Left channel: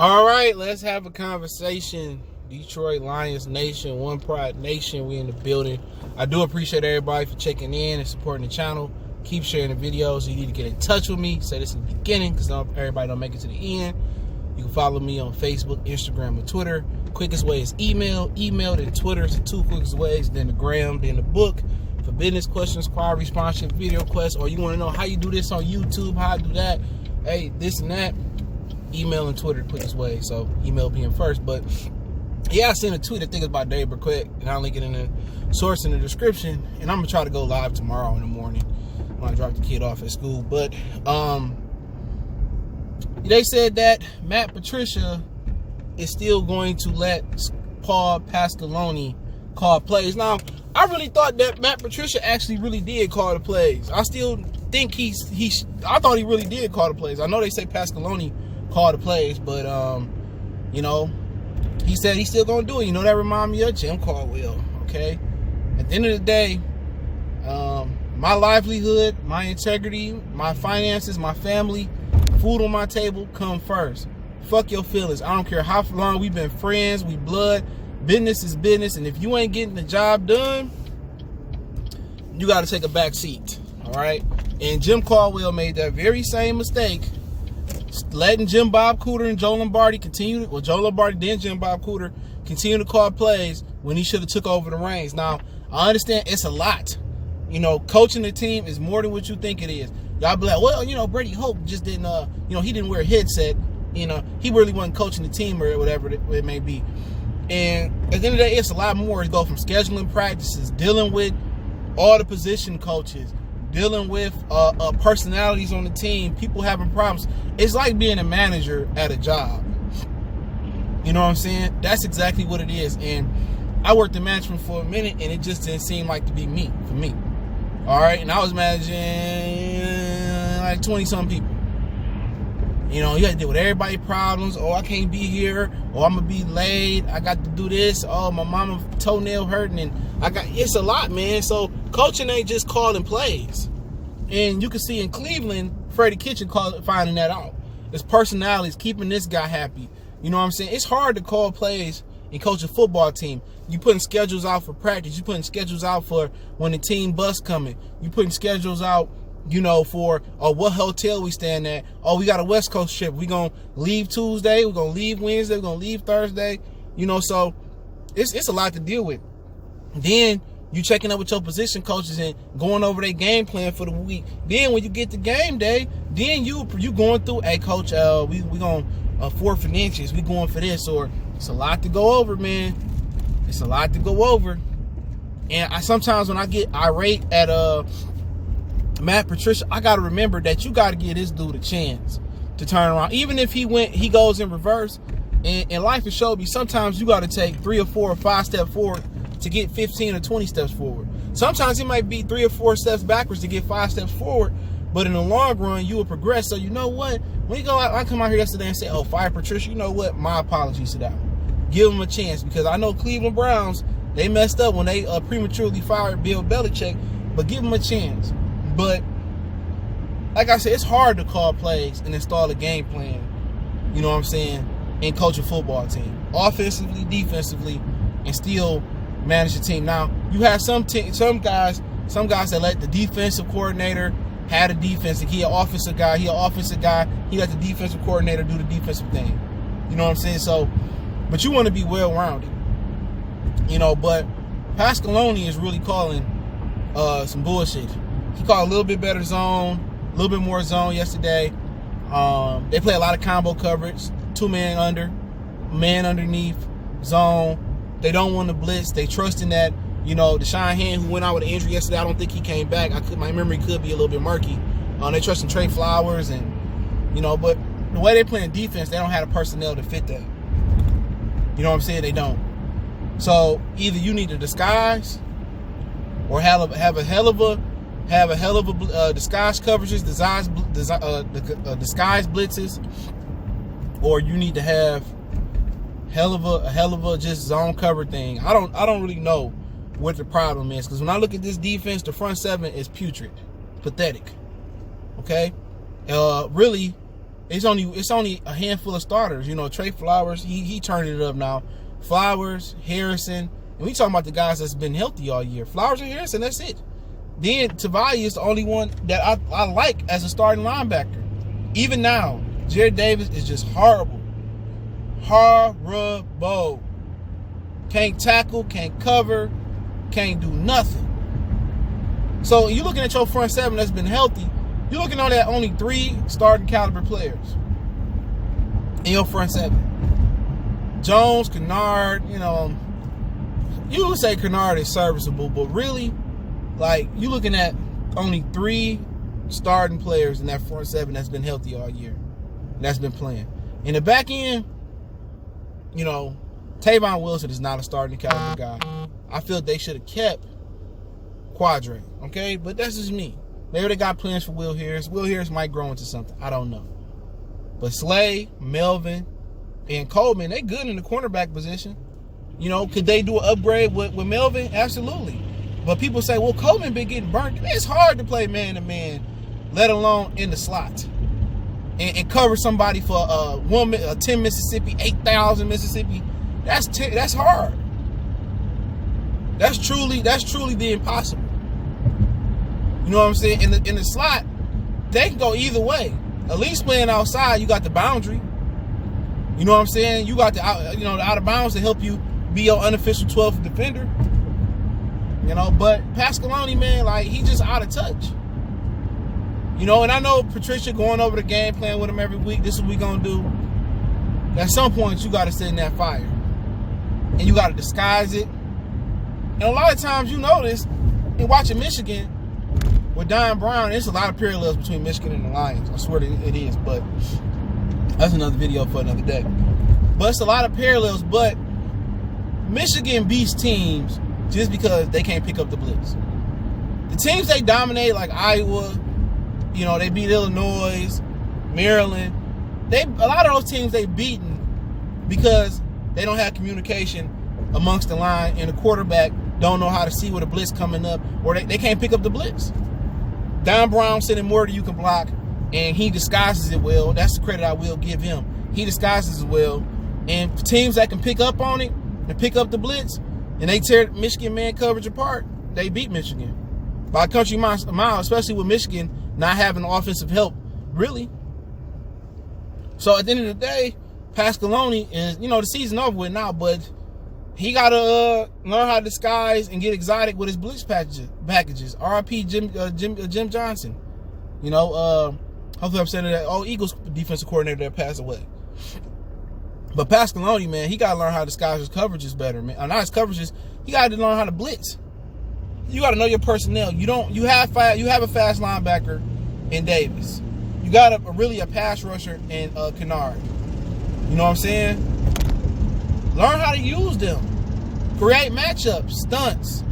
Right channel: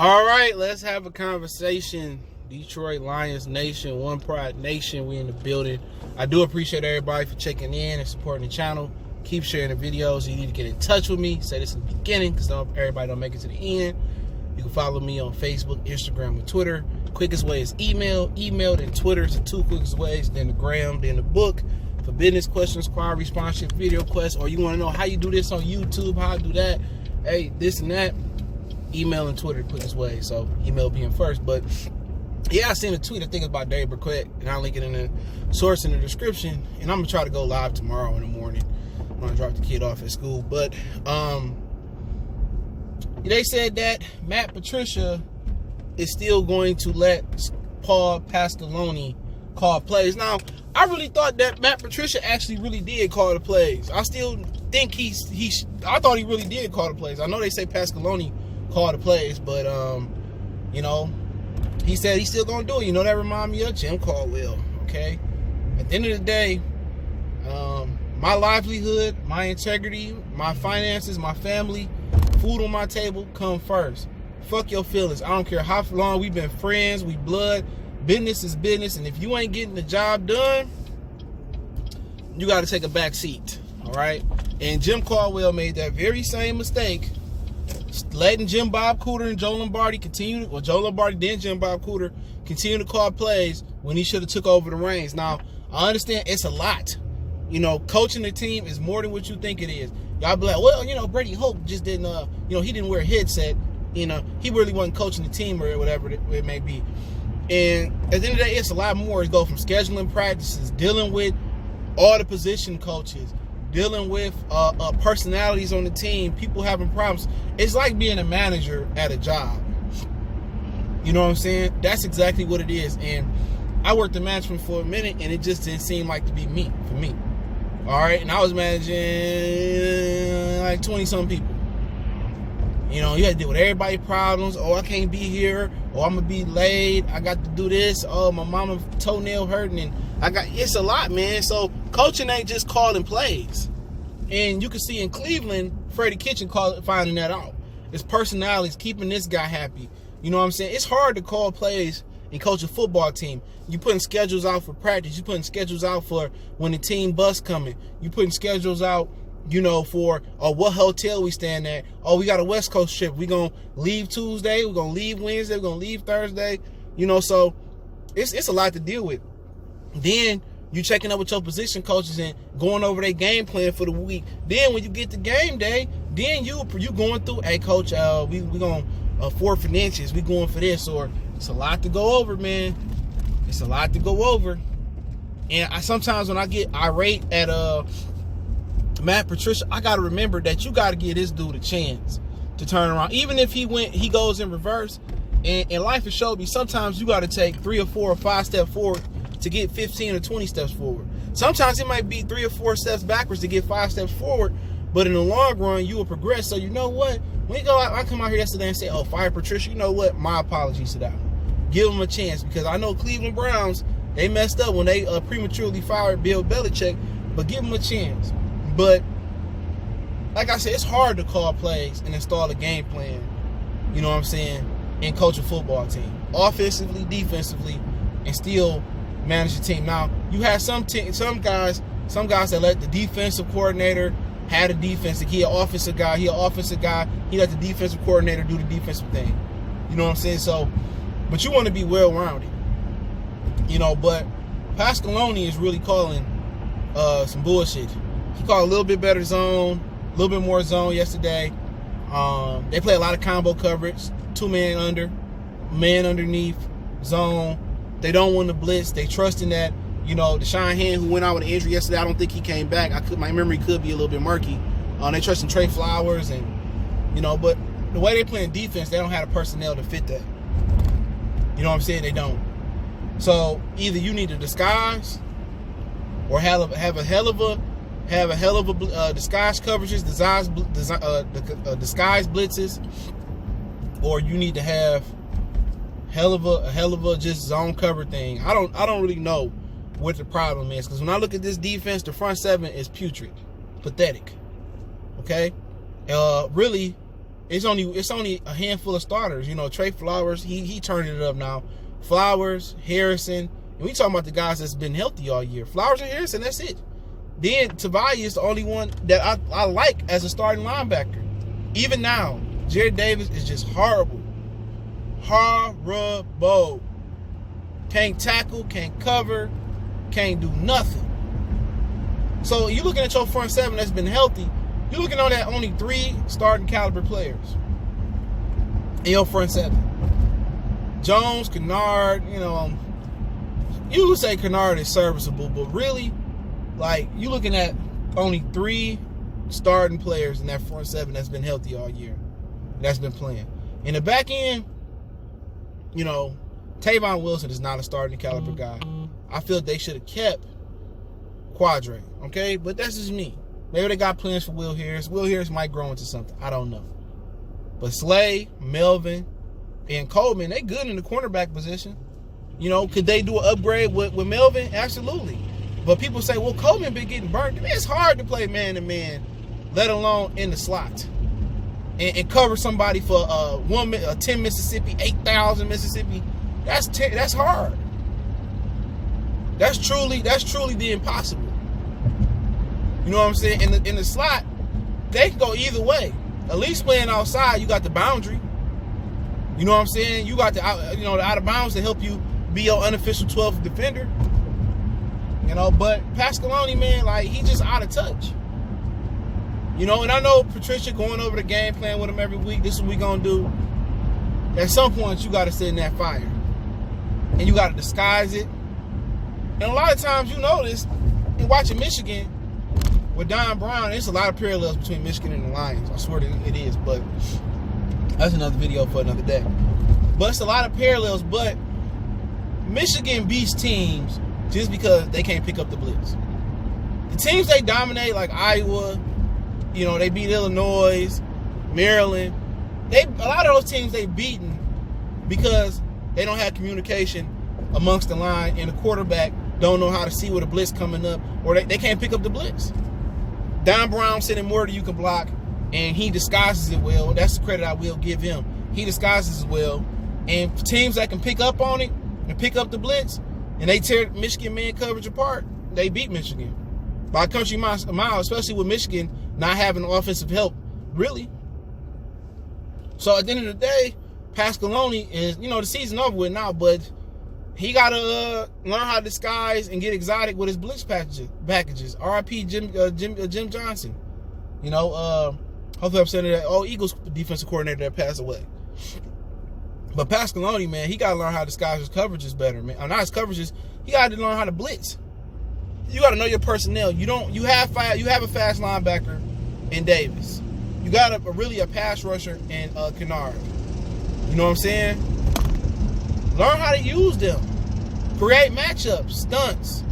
All right, let's have a conversation. Detroit Lions Nation, One Pride Nation, we in the building. I do appreciate everybody for checking in and supporting the channel. Keep sharing the videos. You need to get in touch with me. Say this in the beginning because everybody don't make it to the end. You can follow me on Facebook, Instagram, and Twitter. Quickest way is email, then Twitter is the two quickest ways, then the gram, then the book. For business questions, call responsive video requests, or you want to know how you do this on YouTube, how I do that, hey, this and that, email and Twitter quickest way. So email being first. But yeah, I seen a tweet, I think it's about Dave Burkett, and I'll link it in the source in the description. And I'm gonna try to go live tomorrow in the morning when I drop the kid off at school. But they said that Patricia is still going to let Paul Pasqualoni call plays. Now, I really thought that Patricia actually really did call the plays. I still think I thought he really did call the plays. I know they say Pasqualoni called the plays, but you know, he said he's still gonna do it. You know, that remind me of Jim Caldwell. Okay, at the end of the day, my livelihood, my integrity, my finances, my family, food on my table come first. Fuck your feelings. I don't care how long we've been friends, we blood. Business is business, and if you ain't getting the job done, you got to take a back seat. All right. And Jim Caldwell made that very same mistake, letting Jim Bob Cooter and Joe Lombardi Joe Lombardi then Jim Bob Cooter continue to call plays when he should have took over the reins. Now, I understand it's a lot. You know, coaching the team is more than what you think it is. Y'all be like, well, you know, Brady Hope just didn't, you know, he didn't wear a headset. You know, he really wasn't coaching the team or whatever it may be. And at the end of the day, it's a lot more. It goes from scheduling practices, dealing with all the position coaches, dealing with personalities on the team, people having problems. It's like being a manager at a job. You know what I'm saying? That's exactly what it is. And I worked in management for a minute, and it just didn't seem like to be me, for me. All right? And I was managing like 20-some people. You know, you had to deal with everybody's problems. Oh, I can't be here. Oh, I'm going to be late. I got to do this. Oh, my mama toenail hurting. And it's a lot, man. So coaching ain't just calling plays. And you can see in Cleveland, Freddie Kitchen finding that out. It's personalities, keeping this guy happy. You know what I'm saying? It's hard to call plays and coach a football team. You putting schedules out for practice. You putting schedules out for when the team bus coming. You putting schedules out, you know, for what hotel we staying at. Oh, we got a West Coast trip. We gonna leave Tuesday. We're gonna leave Wednesday. We're gonna leave Thursday. You know, so it's a lot to deal with. Then you checking up with your position coaches and going over their game plan for the week. Then when you get to game day, then you going through, hey coach, we gonna 4th and inches. We going for this, or it's a lot to go over, man. It's a lot to go over. And sometimes when I get irate at Patricia, I got to remember that you got to give this dude a chance to turn around. Even if he goes in reverse, and life has showed me sometimes you got to take 3 or 4 or 5 steps forward to get 15 or 20 steps forward. Sometimes it might be 3 or 4 steps backwards to get 5 steps forward, but in the long run, you will progress. So you know what? When you go out, I come out here yesterday and say, oh, fire Patricia, you know what? My apologies to that one. Give him a chance, because I know Cleveland Browns, they messed up when they prematurely fired Bill Belichick, but give him a chance. But like I said, it's hard to call plays and install a game plan, you know what I'm saying, and coach a football team, offensively, defensively, and still manage the team. Now, you have some guys that let the defensive coordinator had a defensive. He an offensive guy. He let the defensive coordinator do the defensive thing. You know what I'm saying? So, but you want to be well-rounded, you know. But Pasqualoni is really calling some bullshit. He called a little bit better zone, a little bit more zone yesterday. They play a lot of combo coverage, 2-man under, man underneath, zone. They don't want to blitz. They trust in that. You know, Deshaun Hand, who went out with an injury yesterday, I don't think he came back. My memory could be a little bit murky. They trust in Trey Flowers, and you know, but the way they playing defense, they don't have the personnel to fit that. You know what I'm saying? They don't. So either you need to disguise, or have a hell of a disguise coverages, disguise blitzes, or you need to have hell of a just zone cover thing. I don't really know what the problem is, because when I look at this defense, the front seven is putrid, pathetic. Okay, really, it's only a handful of starters. You know, Trey Flowers, he turned it up now. Flowers, Harrison, and we talking about the guys that's been healthy all year. Flowers and Harrison, that's it. Then Tavai is the only one that I like as a starting linebacker. Even now, Jared Davis is just horrible. Horrible. Can't tackle, can't cover, can't do nothing. So you're looking at your front seven that's been healthy. You're looking on that only 3 starting caliber players in your front seven. Jones, Kennard, you would say Kennard is serviceable, but really, like, you're looking at only 3 starting players in that front seven that's been healthy all year. That's been playing. In the back end, Tavon Wilson is not a starting caliber guy. I feel they should have kept Quadre, okay? But that's just me. Maybe they got plans for Will Harris. Will Harris might grow into something. I don't know. But Slay, Melvin, and Coleman, they good in the cornerback position. Could they do an upgrade with Melvin? Absolutely. But people say, well, Coleman been getting burnt. It's hard to play man-to-man, let alone in the slot. And cover somebody for 10 Mississippi, 8,000 Mississippi. That's hard. That's truly the impossible. You know what I'm saying? In the slot, they can go either way. At least playing outside, you got the boundary. You know what I'm saying? You got the out of bounds to help you be your unofficial 12th defender. But Pasqualoni, man, like, he just out of touch. And I know Patricia going over the game plan with him every week. This is what we gonna do. At some point, you got to sit in that fire, and you got to disguise it. And a lot of times, you notice in watching Michigan with Don Brown, there's a lot of parallels between Michigan and the Lions. I swear it is, but that's another video for another day. But it's a lot of parallels. But Michigan beats teams just because they can't pick up the blitz. The teams they dominate, like Iowa, they beat Illinois, Maryland. A lot of those teams they beaten because they don't have communication amongst the line, and the quarterback don't know how to see where the blitz coming up, or they can't pick up the blitz. Don Brown sending more than you can block, and he disguises it well. That's the credit I will give him. He disguises it well, and teams that can pick up on it and pick up the blitz, and they tear Michigan man coverage apart, they beat Michigan by a country mile, especially with Michigan not having offensive help, really. So at the end of the day, Pasqualoni is, the season over with now, but he got to learn how to disguise and get exotic with his blitz packages. R.I.P. Jim Johnson. Hopefully I'm saying that. Eagles defensive coordinator that passed away. But Pasqualoni, man, he got to learn how to disguise his coverages better, man. Not his coverages. He got to learn how to blitz. You got to know your personnel. You have a fast linebacker in Davis. You got a pass rusher in Kennard. You know what I'm saying? Learn how to use them. Create matchups, stunts.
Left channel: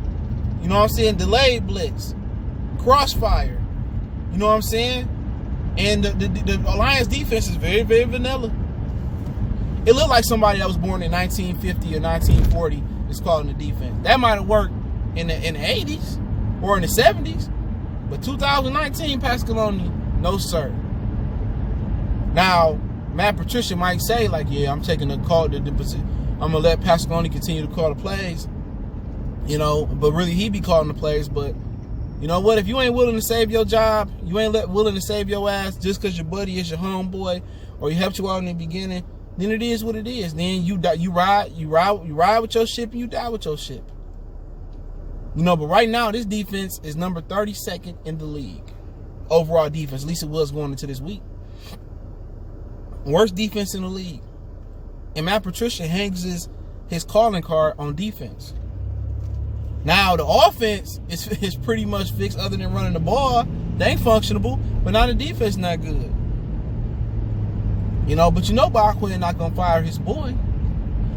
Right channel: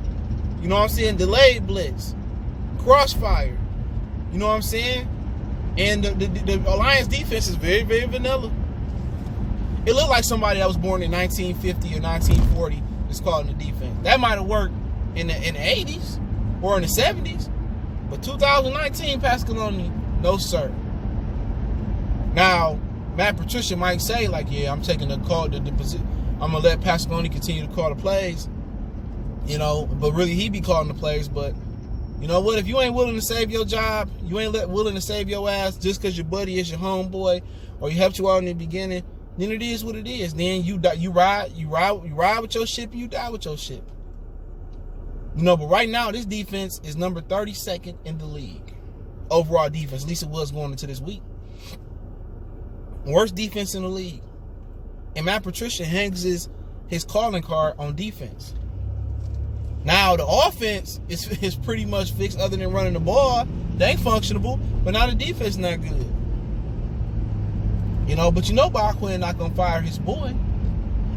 You know what I'm saying? Delayed blitz, crossfire. You know what I'm saying? And the Alliance defense is very, very vanilla. It looked like somebody that was born in 1950 or 1940 is calling the defense. That might have worked in the 80s or in the 70s, but 2019 Pasqualoni, no sir. Now, Matt Patricia might say, like, yeah, I'm taking the call. I'm going to let Pasqualoni continue to call the plays, but really he be calling the plays. But you know what? If you ain't willing to save your job, you ain't willing to save your ass just because your buddy is your homeboy or he helped you out in the beginning, then it is what it is. Then you ride with your ship and you die with your ship. But right now, this defense is number 32nd in the league. Overall defense, at least it was going into this week. Worst defense in the league. And Matt Patricia hangs his calling card on defense. Now, the offense is pretty much fixed other than running the ball. They ain't functionable, but now the defense not good. But Bob Quinn not going to fire his boy.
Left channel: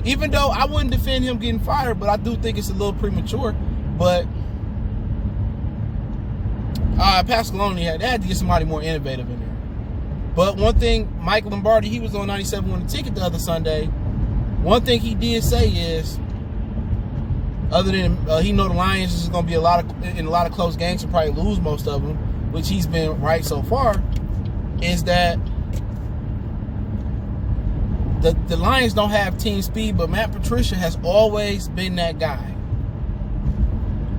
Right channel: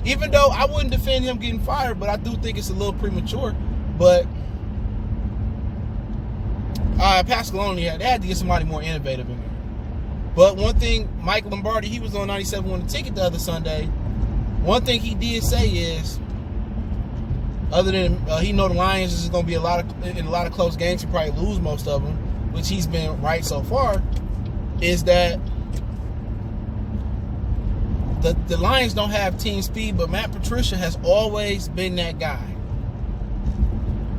Even though I wouldn't defend him getting fired, but I do think it's a little premature. But Pasqualoni, they had to get somebody more innovative in there. But one thing, Mike Lombardi, he was on 97 won the ticket the other Sunday. One thing he did say is, other than he know the Lions is going to be in a lot of close games and probably lose most of them, which he's been right so far, is that the Lions don't have team speed, but Matt Patricia has always been that guy.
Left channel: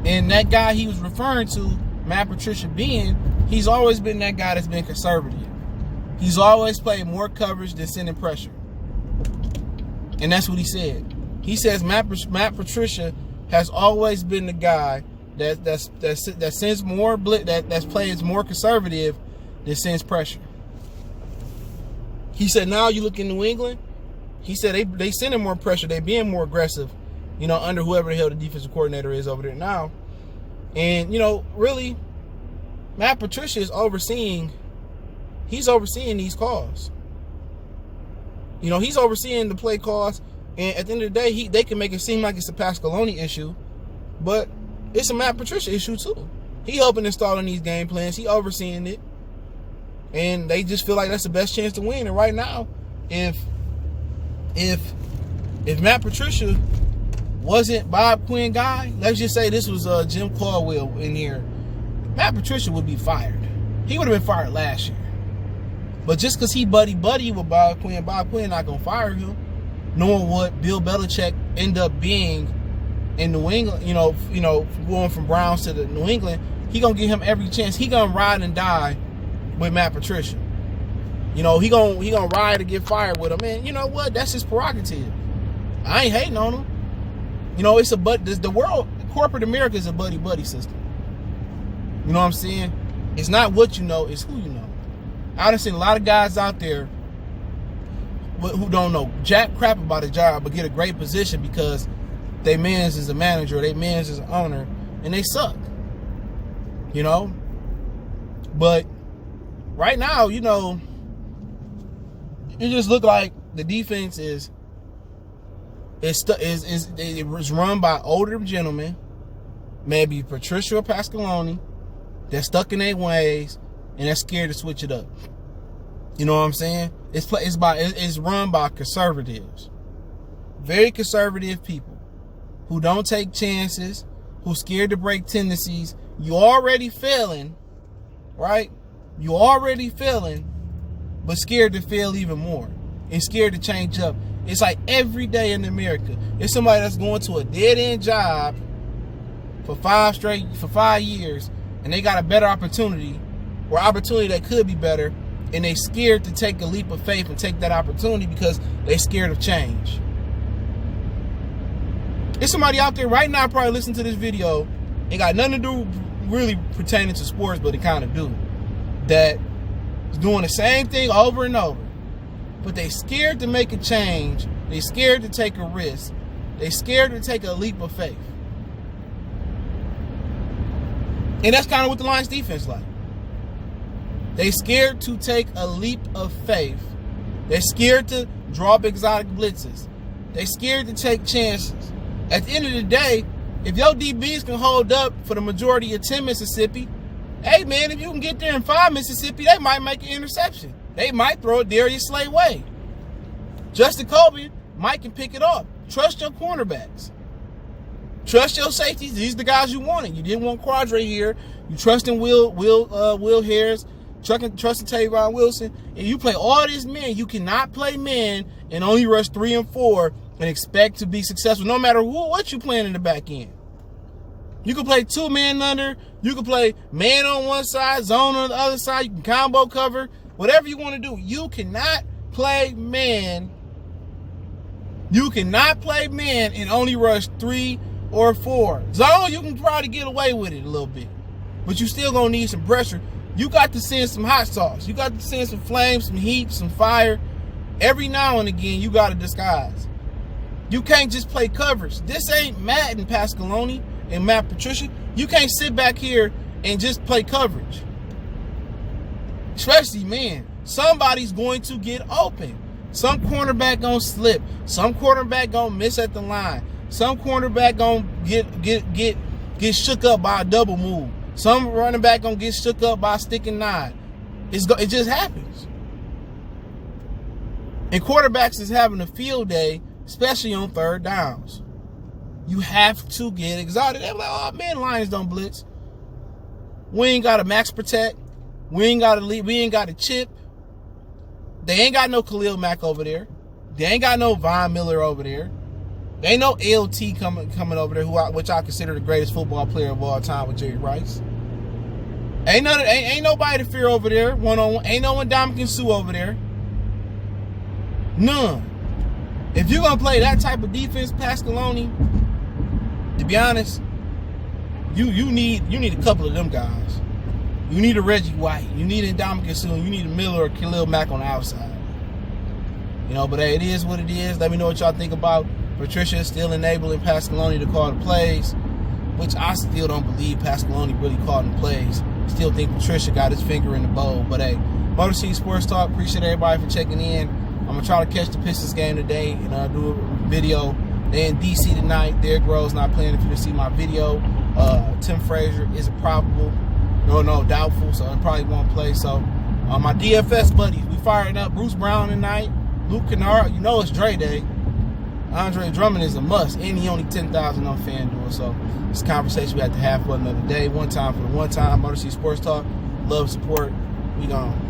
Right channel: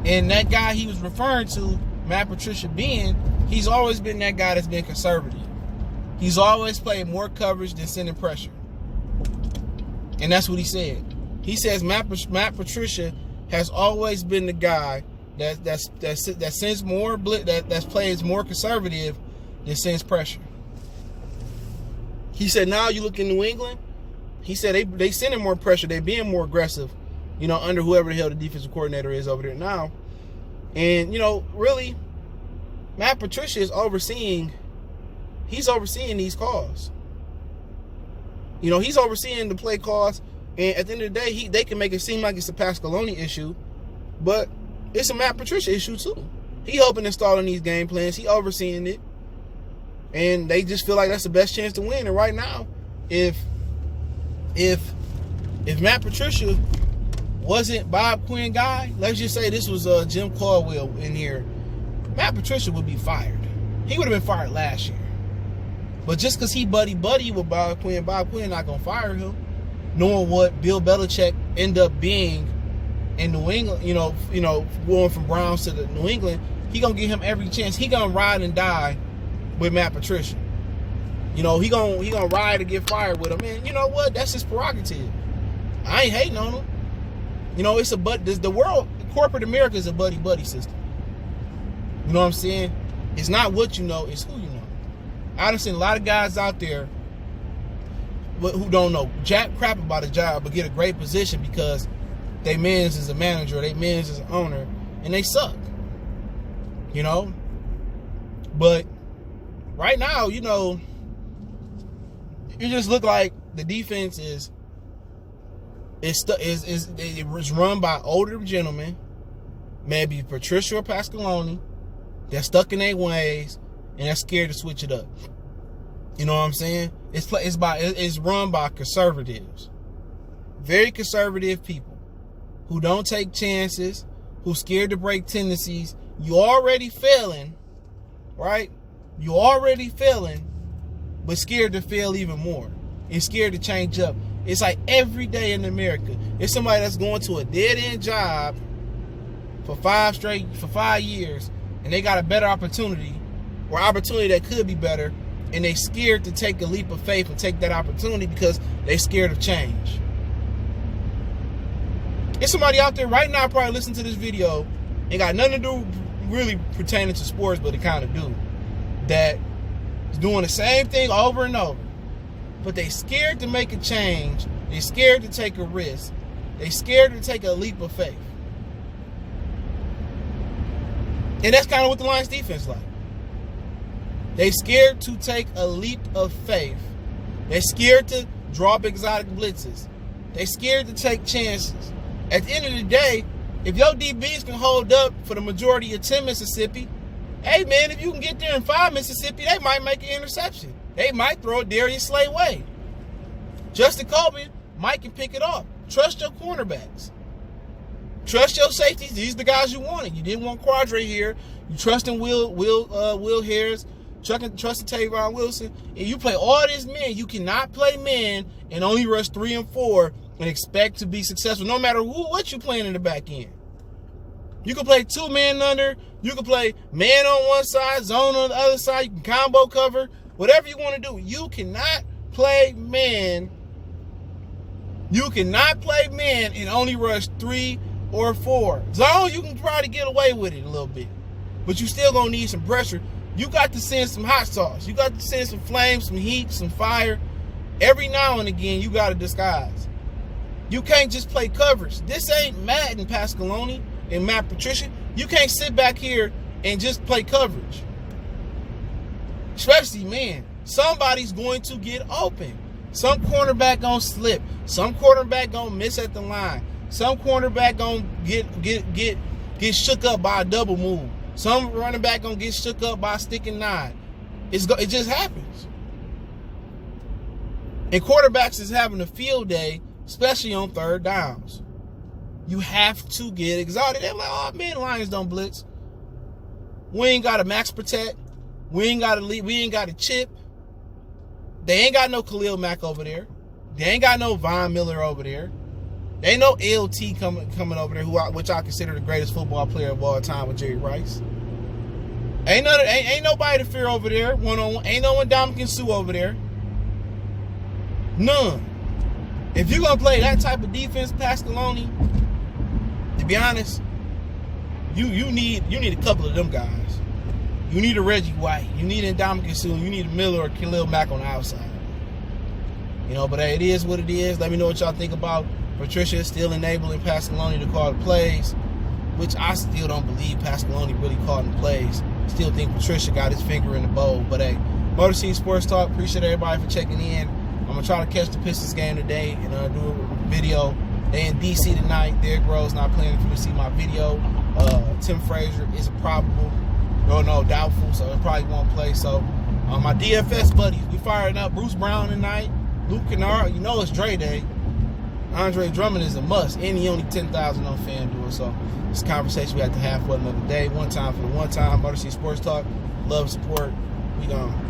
And that guy he was referring to, Matt Patricia being, he's always been that guy that's been conservative. He's always played more coverage than sending pressure. And that's what he said. He says Matt Patricia has always been the guy that sends more that plays more conservative than sends pressure. He said now you look in New England, he said they sending more pressure, they being more aggressive, under whoever the hell the defensive coordinator is over there now. And really, Matt Patricia is overseeing these calls. He's overseeing the play calls, and at the end of the day, they can make it seem like it's a Pasqualoni issue, but it's a Matt Patricia issue too. He helping installing these game plans, he overseeing it, and they just feel like that's the best chance to win. And right now, if Matt Patricia wasn't Bob Quinn guy, let's just say this was Jim Caldwell in here, Matt Patricia would be fired. He would have been fired last year. But just because he buddy with Bob Quinn not going to fire him, knowing what Bill Belichick ended up being in New England, going from Browns to the New England, he going to give him every chance. He going to ride and die with Matt Patricia. He going to ride to get fired with him. And you know what? That's his prerogative. I ain't hating on him. It's the world, corporate America is a buddy system. You know what I'm saying? It's not what you know, it's who you know. I've seen a lot of guys out there who don't know jack crap about a job but get a great position because they mans is a manager, they mans is an owner, and they suck. But right now, it just look like the defense is run by older gentlemen, maybe Patricia or Pasqualoni, they're stuck in their ways and they're scared to switch it up. You know what I'm saying? It's run by conservatives, very conservative people who don't take chances, who scared to break tendencies. You already failing, right? You already failing, but scared to fail even more and scared to change up. It's like every day in America, it's somebody that's going to a dead-end job for 5 years, and they got a better opportunity, or opportunity that could be better, and they scared to take a leap of faith and take that opportunity because they scared of change. There's somebody out there right now probably listening to this video, ain't got nothing to do really pertaining to sports, but it kind of do, that is doing the same thing over and over. But they scared to make a change. They scared to take a risk. They scared to take a leap of faith. And that's kind of what the Lions defense like. They scared to take a leap of faith. They're scared to drop exotic blitzes. They scared to take chances. At the end of the day, if your DBs can hold up for the majority of 10 Mississippi, hey man, if you can get there in 5 Mississippi, they might make an interception. They might throw it Darius Slay way. Justin Colby might can pick it up. Trust your cornerbacks. Trust your safeties. These are the guys you wanted. You didn't want Quadre here. You trusting Will Harris, trusting Tavon Wilson. And you play all these men. You cannot play men and only rush 3 and 4 and expect to be successful, no matter what you playing in the back end. You can play 2 men under. You can play man on one side, zone on the other side. You can combo cover. Whatever you want to do. You cannot play man. You cannot play man and only rush 3 or 4. Zone, you can try to get away with it a little bit. But you still going to need some pressure. You got to send some hot sauce. You got to send some flames, some heat, some fire. Every now and again, you got to disguise. You can't just play coverage. This ain't Matt and Pasqualoni and Matt Patricia. You can't sit back here and just play coverage. Especially, man, somebody's going to get open. Some cornerback gonna slip. Some quarterback gonna miss at the line. Some cornerback gonna get shook up by a double move. Some running back gonna get shook up by a stick and 9. It just happens. And quarterbacks is having a field day, especially on 3rd downs. You have to get exotic. They're like, oh man, Lions don't blitz. We ain't got a max protect. We ain't got a chip. They ain't got no Khalil Mack over there. They ain't got no Von Miller over there. There ain't no LT coming over there, which I consider the greatest football player of all time with Jerry Rice. Ain't nobody to fear over there, one-on-one. Ain't no Ndamukong Suh over there. None. If you're going to play that type of defense, Pasqualoni, to be honest, you need a couple of them guys. You need a Reggie White. You need a Ndamukong Suh. You need a Miller or Khalil Mack on the outside. But hey, it is what it is. Let me know what y'all think about Patricia still enabling Pasqualoni to call the plays, which I still don't believe Pasqualoni really called the plays. Still think Patricia got his finger in the bowl. But hey, Motor City Sports Talk. Appreciate everybody for checking in. I'm going to try to catch the Pistons game today and do a video. They in D.C. tonight. Derrick Rose not playing. If you see my video, Tim Frazier is probable. No, doubtful, so it probably won't play. So my DFS buddies, we firing up Bruce Brown tonight. Luke Kennard, it's Dre Day. Andre Drummond is a must, and he only 10,000 on FanDuel. So it's a conversation we have to have for another day. One time for the one time. Motor City Sports Talk. Love, support. We gone.